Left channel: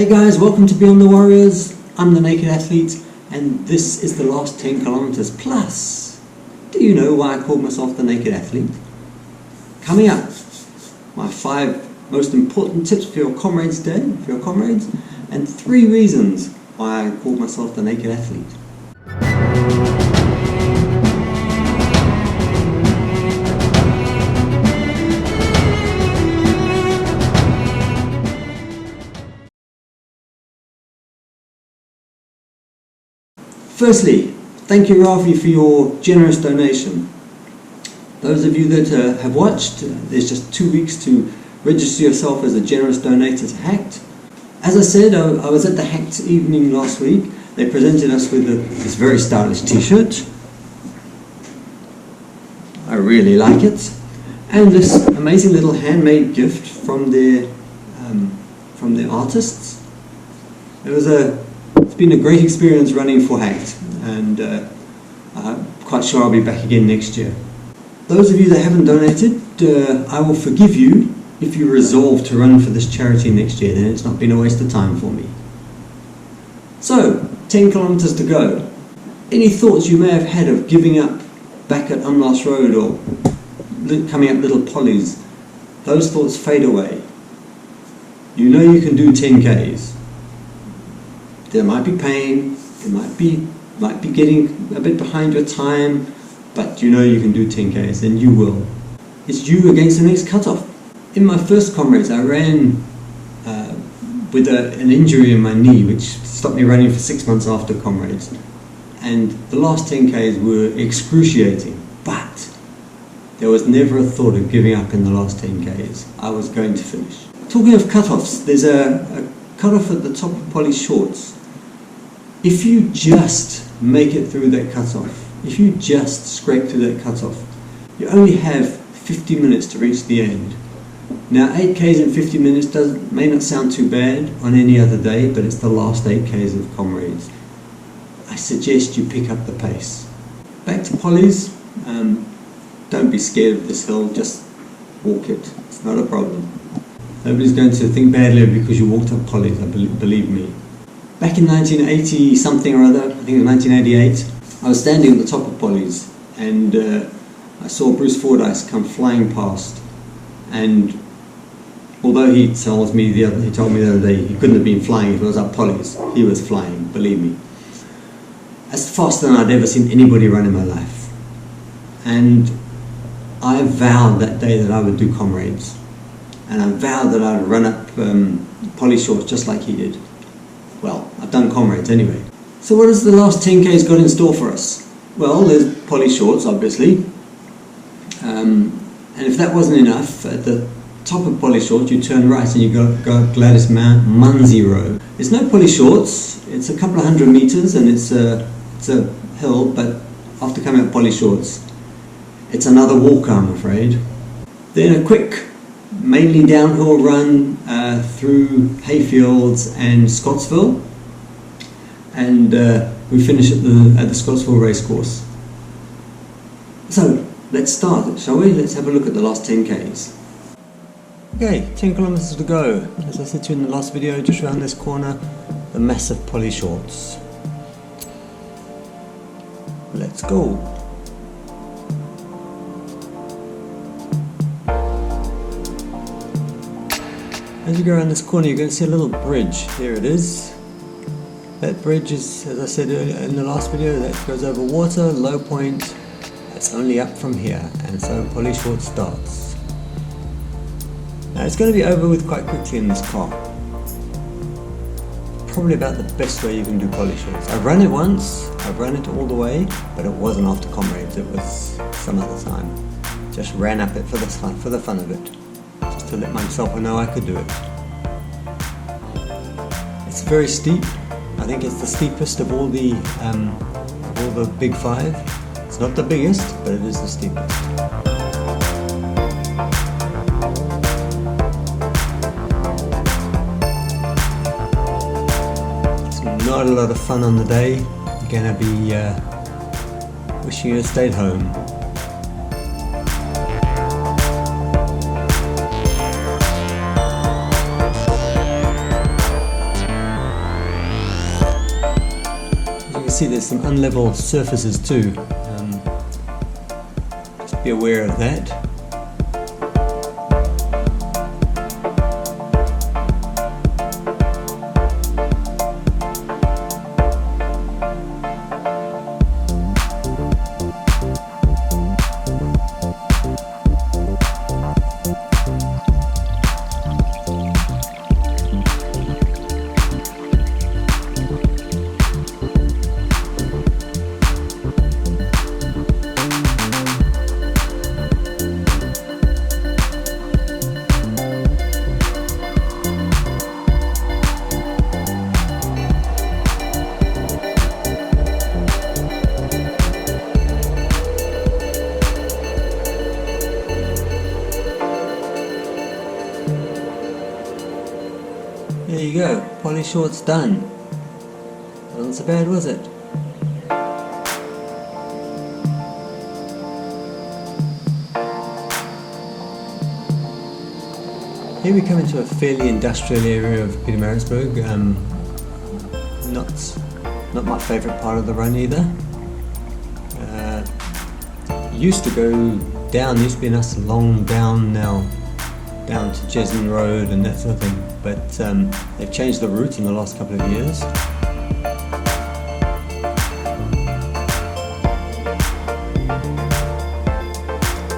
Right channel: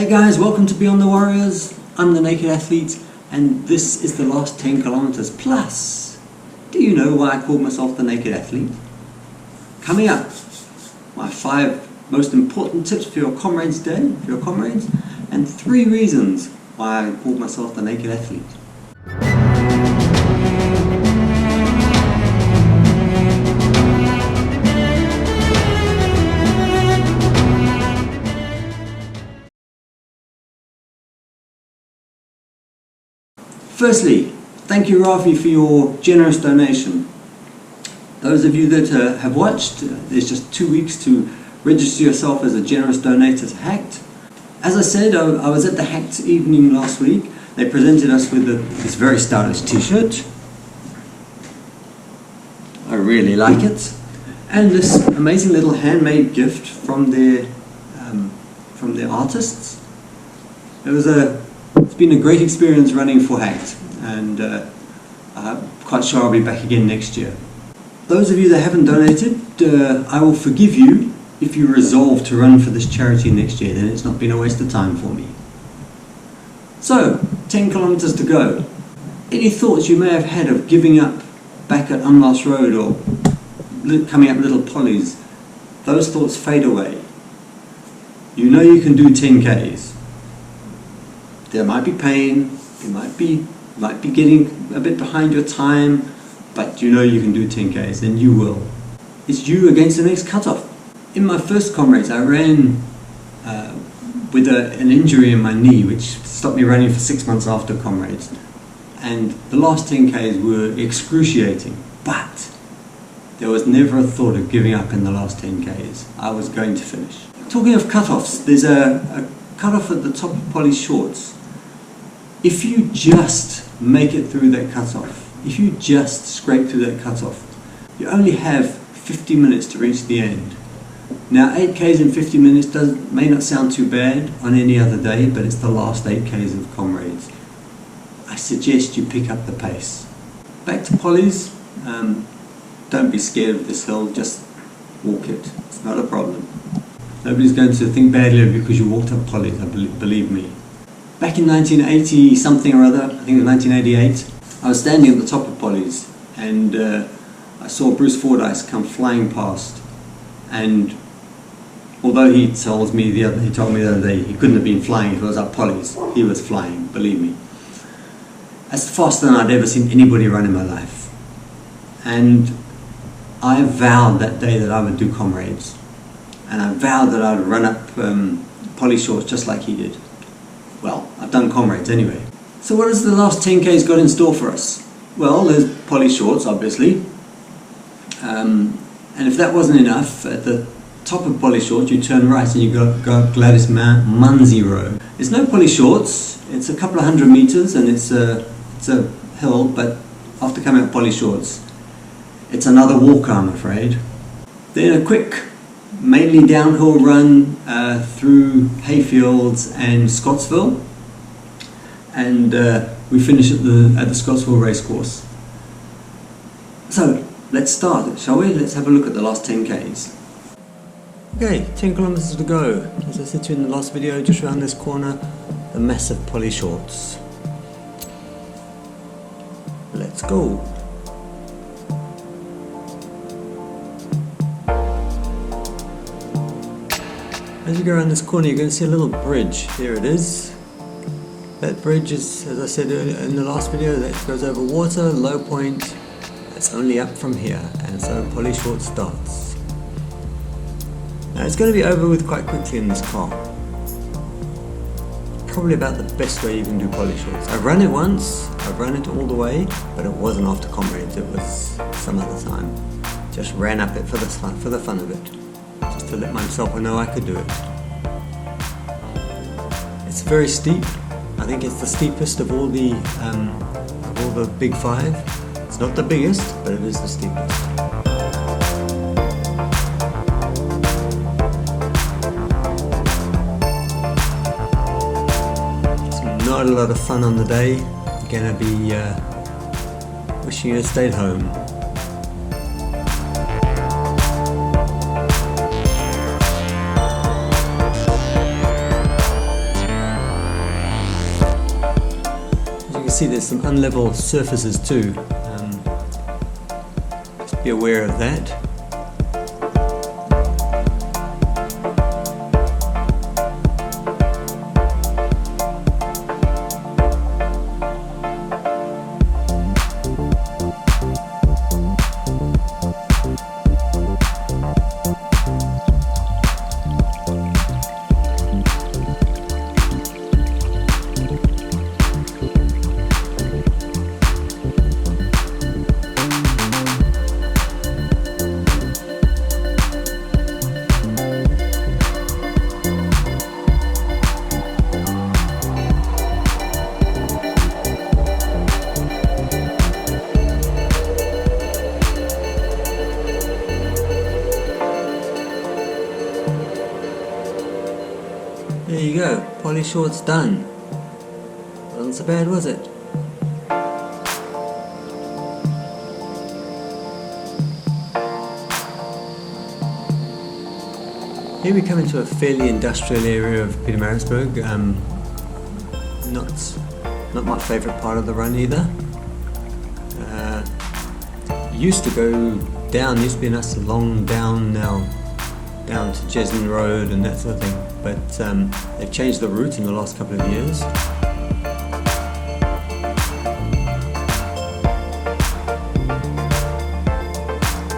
Hey guys, welcome to Beyond the Warriors. I'm the Naked Athlete and this is the last 10 kilometers plus. Do you know why I called myself the Naked Athlete? Coming up, my 5 most important tips for your Comrades Day, for your comrades, and 3 reasons why I called myself the Naked Athlete. Firstly, thank you Rafi for your generous donation. Those of you that have watched, there's just 2 weeks to register yourself as a generous donator to HACT. As I said, I was at the HACT evening last week. They presented us with this very stylish t-shirt. I really like it. And this amazing little handmade gift from their artists. It's been a great experience running for HACT, and I'm quite sure I'll be back again next year. Those of you that haven't donated, I will forgive you if you resolve to run for this charity next year. Then it's not been a waste of time for me. So, 10 kilometers to go. Any thoughts you may have had of giving up back at Umlas Road or coming up Little Polly's, those thoughts fade away. You know you can do 10Ks. There might be pain, there might be getting a bit behind your time, but you know you can do 10Ks, and you will. It's you against the next cutoff. In my first Comrades, I ran with an injury in my knee, which stopped me running for 6 months after Comrades. And the last 10Ks were excruciating, but there was never a thought of giving up in the last 10Ks. I was going to finish. Talking of cutoffs, there's a cutoff at the top of Polly's Shorts. If you just make it through that cutoff, if you just scrape through that cutoff, you only have 50 minutes to reach the end. Now 8Ks in 50 minutes may not sound too bad on any other day, but it's the last 8Ks of Comrades. I suggest you pick up the pace. Back to Polly's, don't be scared of this hill, just walk it. It's not a problem. Nobody's going to think badly of you because you walked up Polly's, believe me. Back in 1980 something or other, I think it was 1988, I was standing at the top of Polly's and I saw Bruce Fordyce come flying past, and although he told me the other day he couldn't have been flying if it was up Polly's, he was flying, believe me. That's faster than I'd ever seen anybody run in my life. And I vowed that day that I would do Comrades. And I vowed that I'd run up Polly Shorts just like he did. Well, I've done Comrades anyway. So what has the last 10Ks got in store for us? Well, there's Polly Shorts, obviously. And if that wasn't enough, at the top of Polly Shorts, you turn right and you go Gladys Munsey Road. It's no Polly Shorts. It's a couple of 100 meters and it's a hill, but after coming up Polly Shorts, it's another walk, I'm afraid. Then a quick, mainly downhill run through hayfields and Scottsville, and we finish at the Scottsville racecourse. So let's start, shall we? Let's have a look at the last 10Ks. Okay, 10 kilometers to go. As I said to you in the last video, just around this corner, the massive Polly Shorts. Let's go. As you go around this corner, you're going to see a little bridge. There it is. That bridge is, as I said in the last video, that goes over water, low point. It's only up from here, and so Polly Shorts starts. Now it's going to be over with quite quickly in this car. Probably about the best way you can do Polly Shorts. I've run it once, I've run it all the way, but it wasn't after Comrades, it was some other time. Just ran up it for the fun of it. Just to let myself know I could do it. It's very steep. I think it's the steepest of all the big 5. It's not the biggest, but it is the steepest. It's not a lot of fun on the day. You're gonna be wishing you had stayed home. can see there's some unlevel surfaces too. Just be aware of that. There you go, poly shorts done. Wasn't so bad, was it? Here we come into a fairly industrial area of Pietermaritzburg. Not my favourite part of the run either. Used to go down, used to be a nice long down now, down to Jesmond Road and that sort of thing, but they've changed the route in the last couple of years.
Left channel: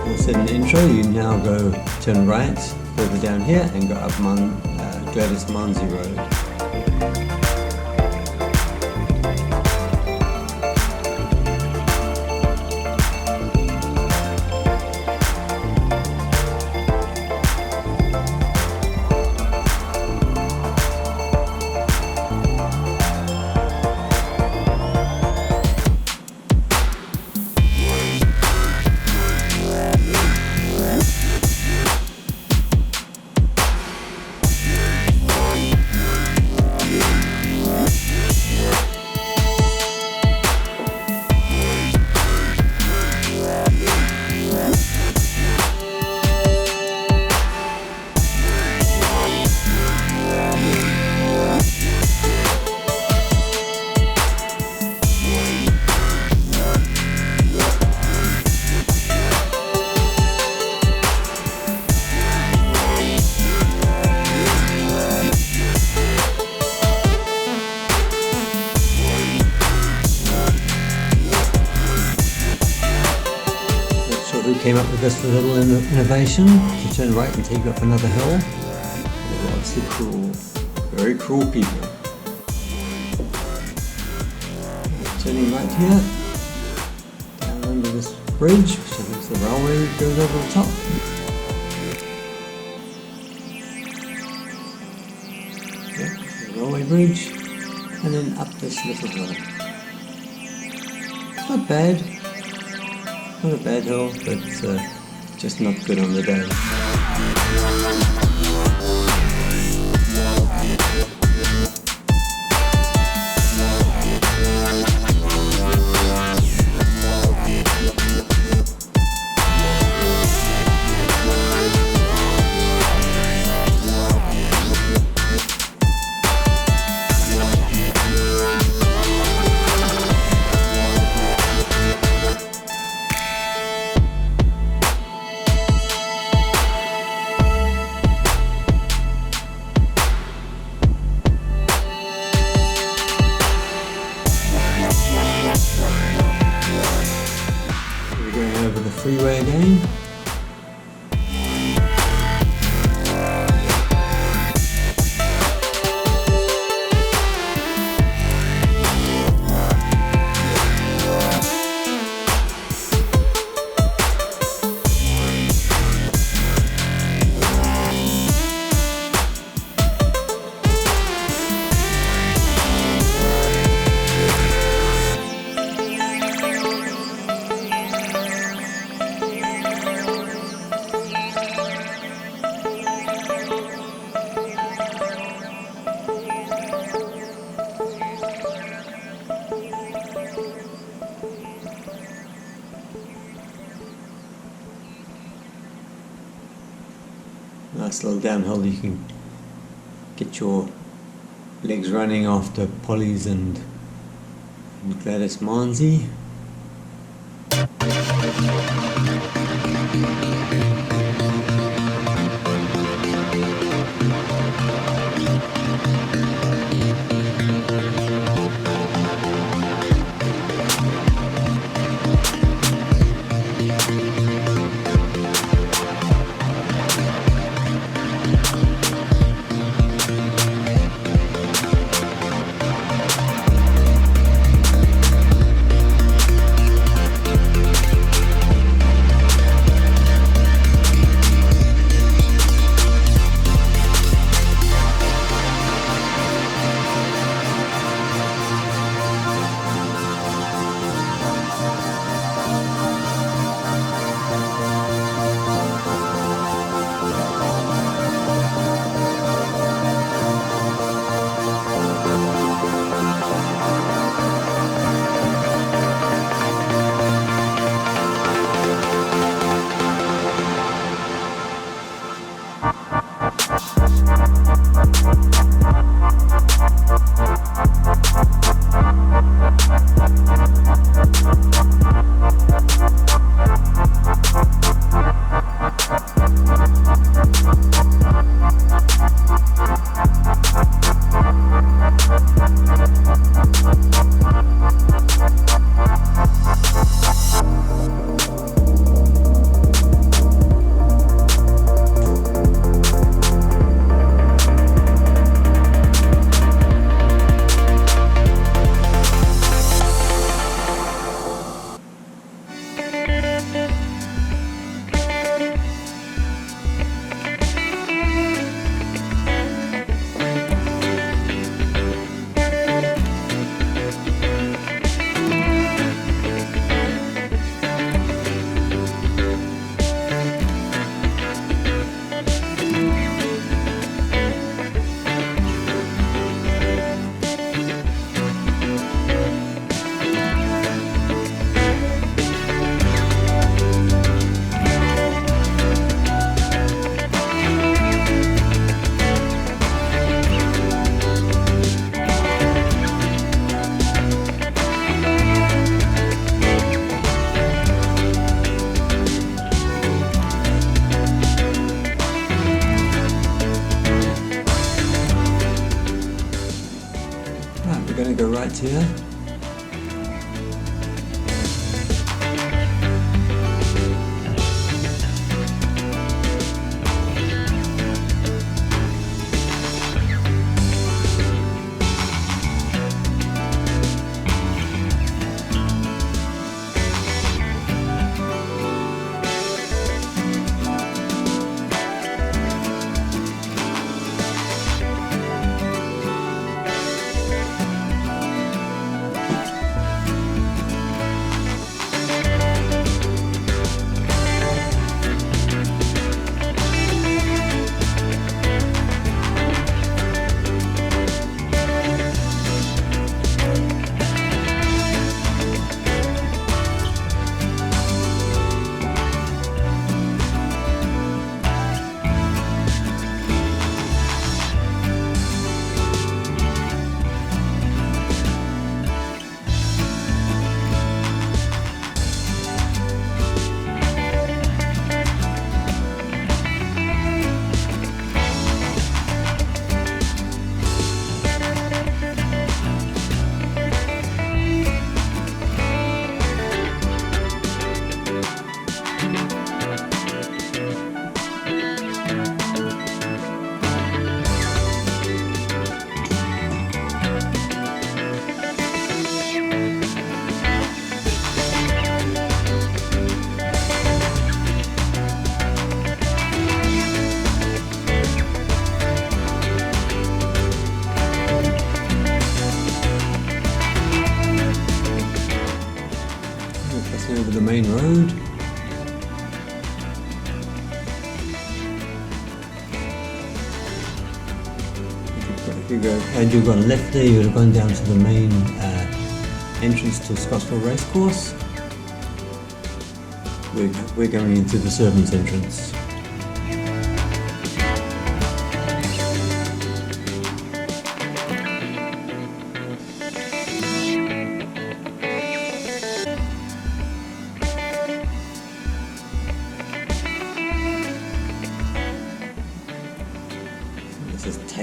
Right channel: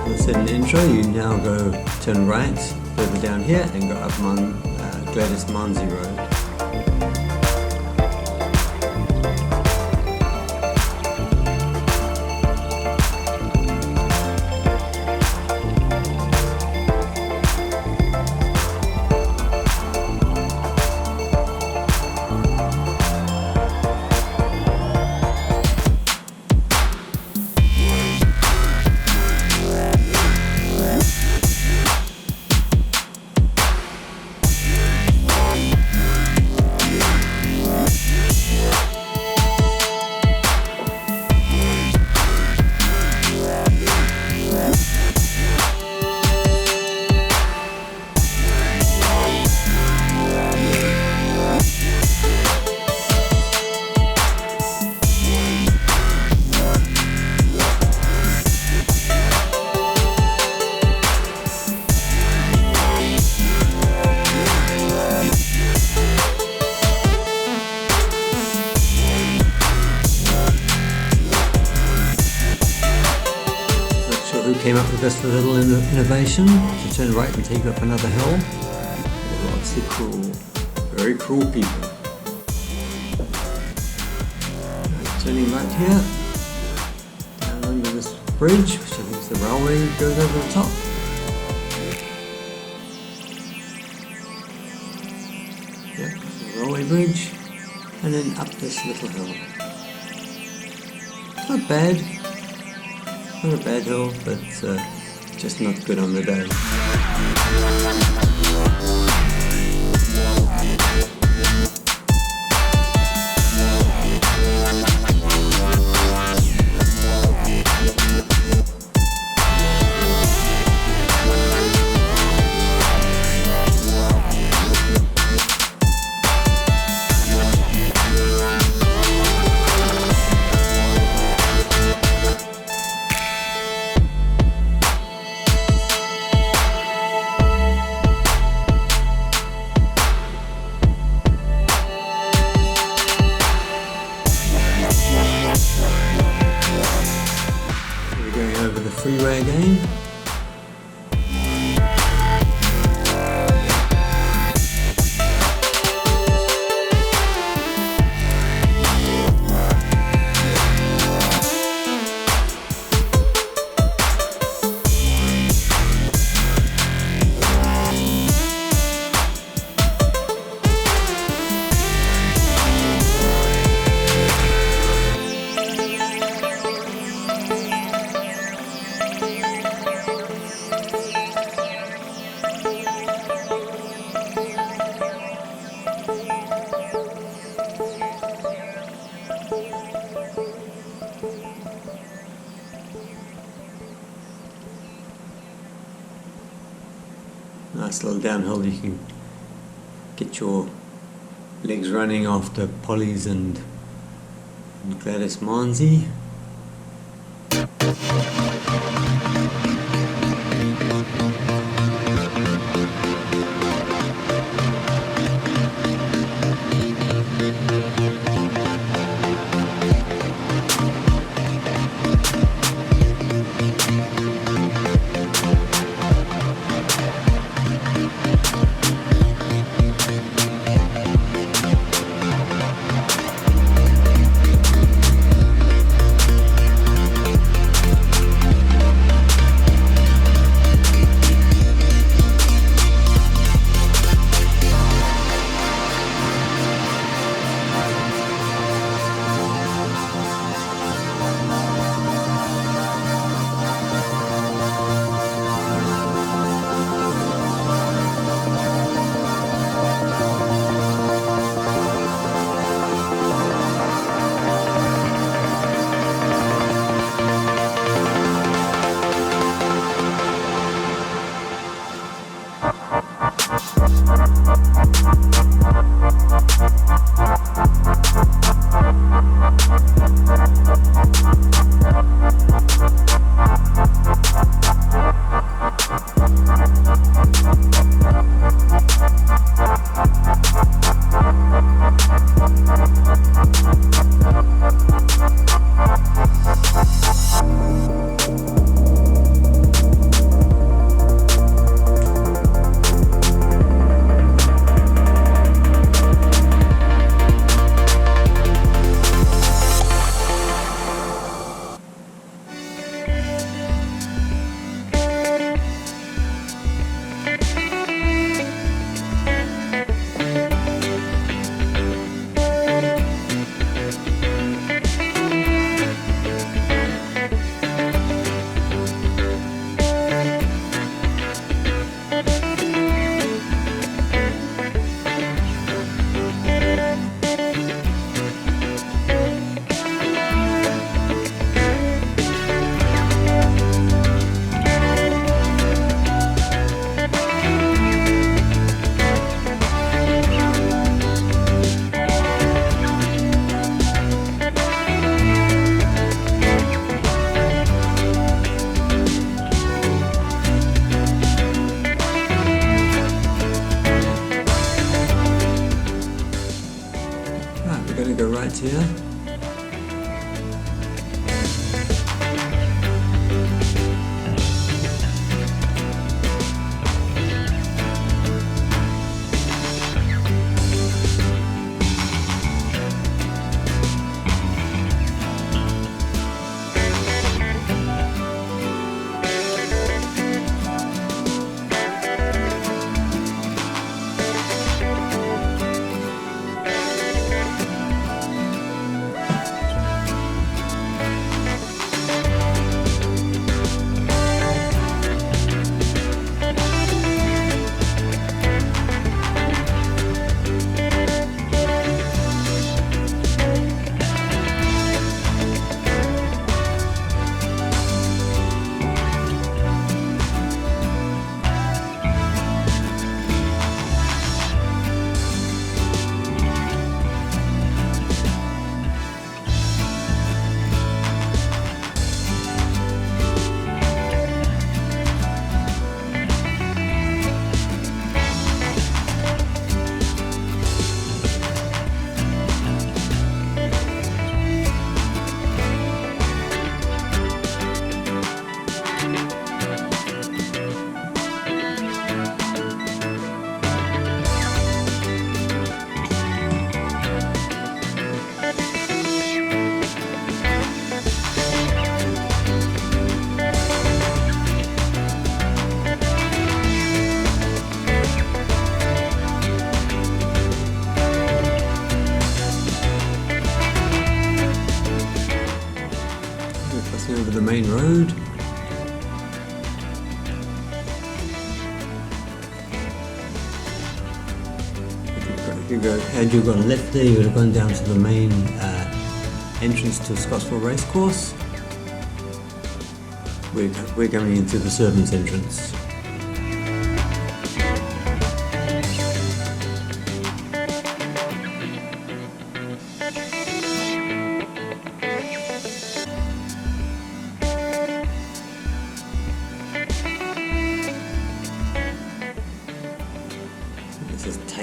As I said in the intro, you now go turn right further down here and go up Gladys Manzi Road. Who came up with this little innovation to turn right and take you up another hill? Lots of cruel, very cruel people. Turning right here, down under this bridge, which I think is the railway that goes over the top. Yep, the railway bridge, and then up this little hill. It's not bad. Not a bad hill, but just not good on the day. Over the freeway again. Nice little downhill, you can get your legs running after polys and Gladys Monzi. We're going to go right here. Over the main road. If you go, had you gone left there, you would have gone down to the main entrance to Scottsville Racecourse. We're going into the servants' entrance.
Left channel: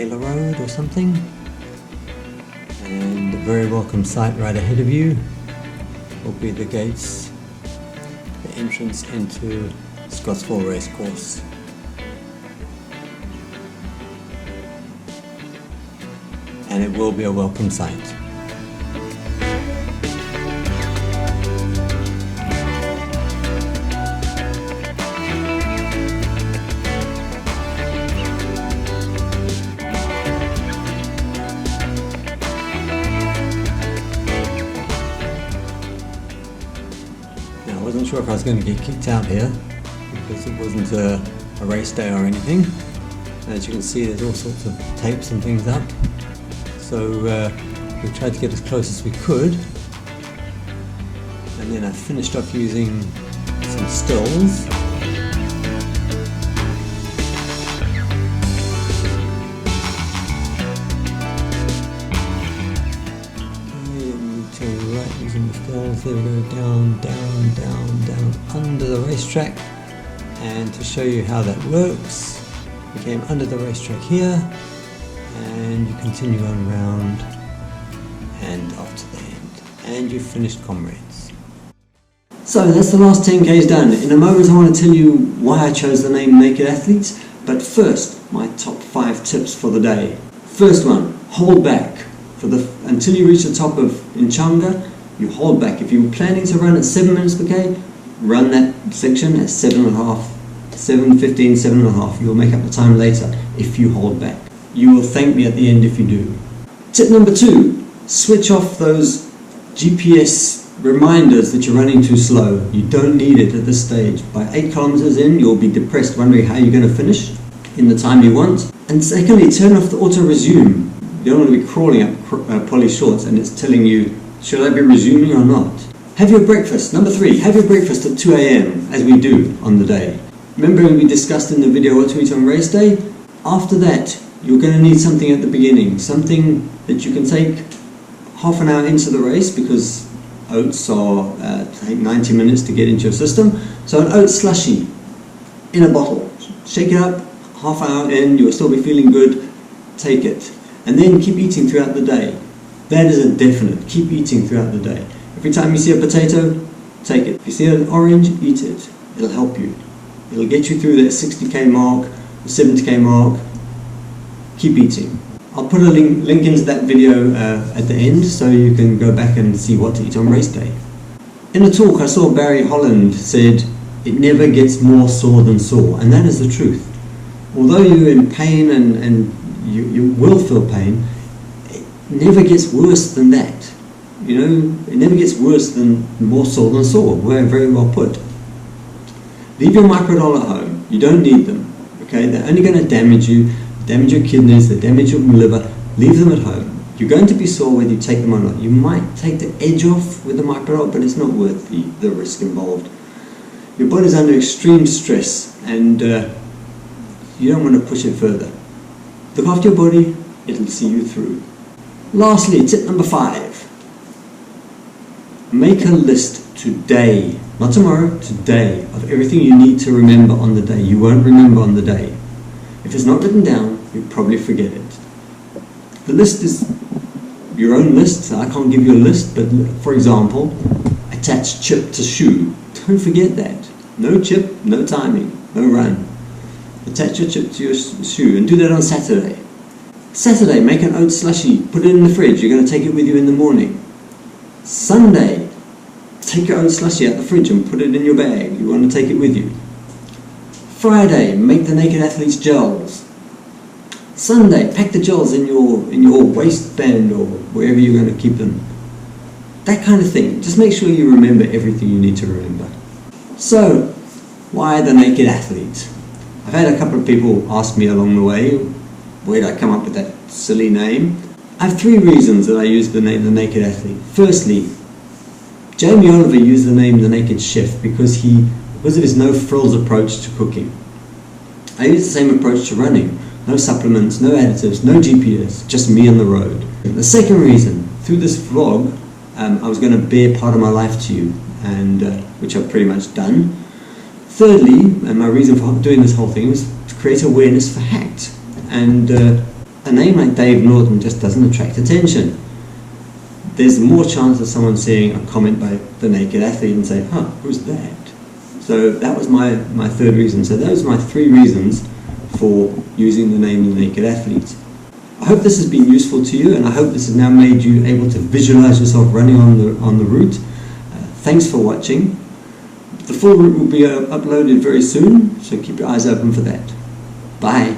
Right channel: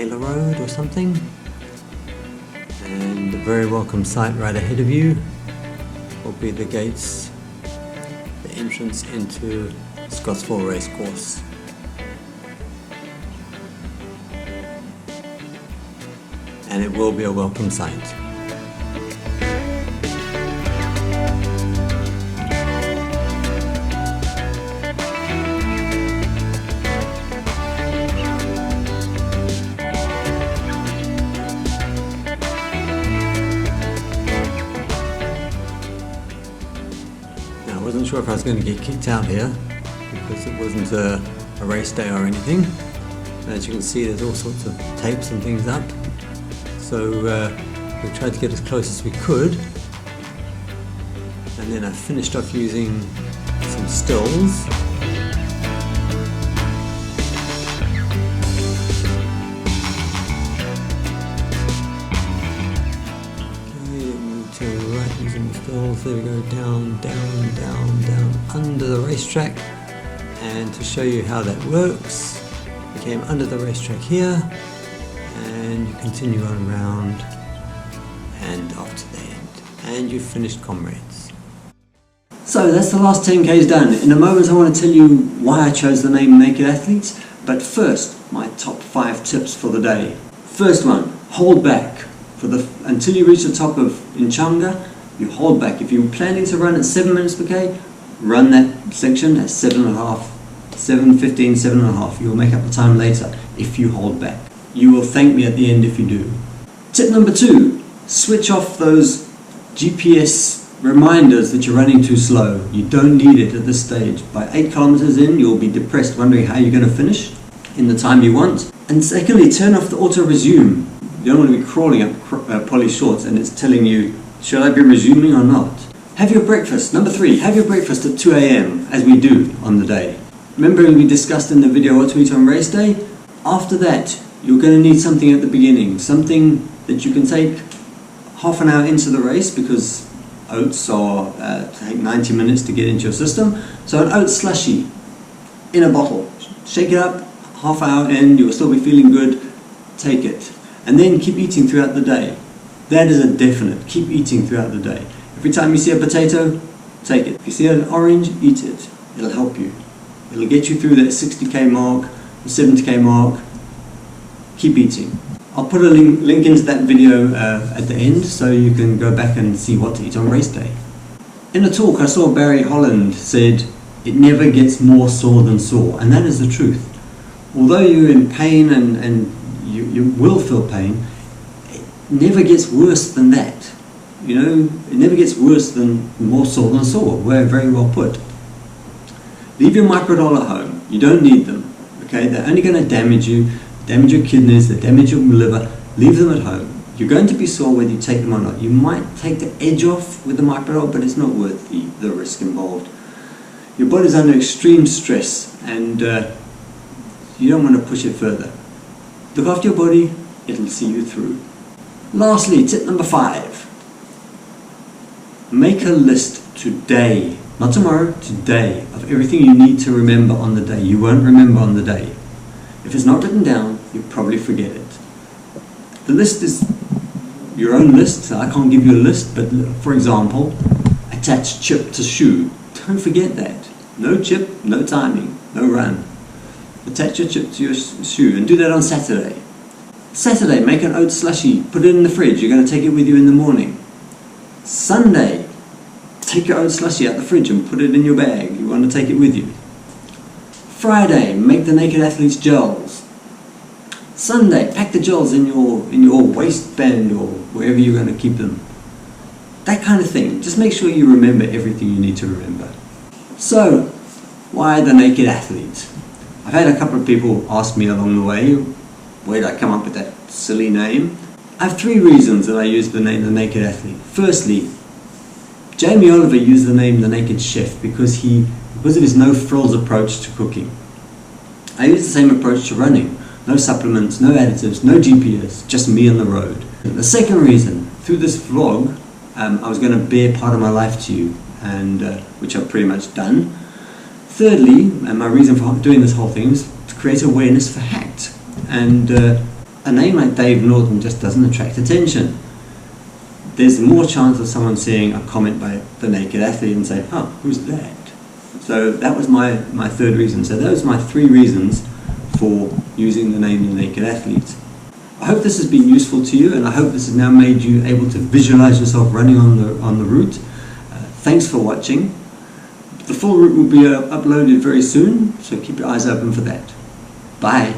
Taylor Road or something. And a very welcome sight right ahead of you will be the gates, the entrance into Scottsville Racecourse. And it will be a welcome sight. I wasn't sure if I was going to get kicked out here because it wasn't a race day or anything. As you can see, there's all sorts of tapes and things up. So we tried to get as close as we could. And then I finished off using some stills. Using the stills, there we go, down, down, down, down, under the racetrack. And to show you how that works, we came under the racetrack here, and you continue on round and off to the end. And you've finished Comrades. So that's the last 10Ks done. In a moment I want to tell you why I chose the name Naked Athletes, but first, my top 5 tips for the day. First one, hold back. Until you reach the top of Inchanga, you hold back. If you're planning to run at 7 minutes per K, run that section at 7.5, 7:15, 7.5. You'll make up the time later if you hold back. You will thank me at the end if you do. Tip number 2, switch off those GPS reminders that you're running too slow. You don't need it at this stage. By 8 kilometers in, you'll be depressed wondering how you're going to finish in the time you want. And secondly, turn off the auto resume. You don't want to be crawling up poly shorts and it's telling you, should I be resuming or not? Have your breakfast. Number 3, have your breakfast at 2 a.m. as we do on the day. Remember we discussed in the video what to eat on race day? After that, you're going to need something at the beginning. Something that you can take half an hour into the race because oats take 90 minutes to get into your system. So an oat slushy in a bottle. Shake it up, half hour in, you'll still be feeling good. Take it. And then keep eating throughout the day. That is a definite. Keep eating throughout the day. Every time you see a potato, take it. If you see an orange, eat it. It'll help you. It'll get you through that 60k mark, the 70k mark. Keep eating. I'll put a link into that video at the end so you can go back and see what to eat on race day. In a talk I saw Barry Holland said, it never gets more sore than sore. And that is the truth. Although you're in pain and you will feel pain, it never gets worse than that. You know, it never gets worse than more sore than sore. We're very well put. Leave your microdol at home. You don't need them. Okay, they're only going to damage you, damage your kidneys, they damage your liver. Leave them at home. You're going to be sore whether you take them or not. You might take the edge off with the microdol, but it's not worth the risk involved. Your body's under extreme stress, and you don't want to push it further. Look after your body, it'll see you through. Lastly, tip number 5. Make a list today, not tomorrow, today, of everything you need to remember on the day. You won't remember on the day. If it's not written down, you'll probably forget it. The list is your own list, so I can't give you a list, but for example, attach chip to shoe. Don't forget that. No chip, no timing, no run. Attach your chip to your shoe and do that on Saturday. Saturday, make an oat slushy, put it in the fridge, you're going to take it with you in the morning. Sunday, take your oat slushy out the fridge and put it in your bag, you want to take it with you. Friday, make the Naked Athletes gels. Sunday, pack the gels in your waistband or wherever you're going to keep them. That kind of thing. Just make sure you remember everything you need to remember. So, why the Naked Athlete? I've had a couple of people ask me along the way, where did I come up with that silly name? I have 3 reasons that I use the name The Naked Athlete. Firstly, Jamie Oliver used the name The Naked Chef because of his no-frills approach to cooking. I use the same approach to running. No supplements, no additives, no GPS, just me on the road. The second reason, through this vlog, I was going to bare part of my life to you, and which I've pretty much done. Thirdly, and my reason for doing this whole thing was to create awareness for HACT. And a name like Dave Norton just doesn't attract attention. There's more chance of someone seeing a comment by the Naked Athlete and say, huh, who's that? So that was my third reason. So those are my 3 reasons for using the name The Naked Athlete. I hope this has been useful to you, and I hope this has now made you able to visualize yourself running on the route. Thanks for watching. The full route will be uploaded very soon, so keep your eyes open for that. Bye.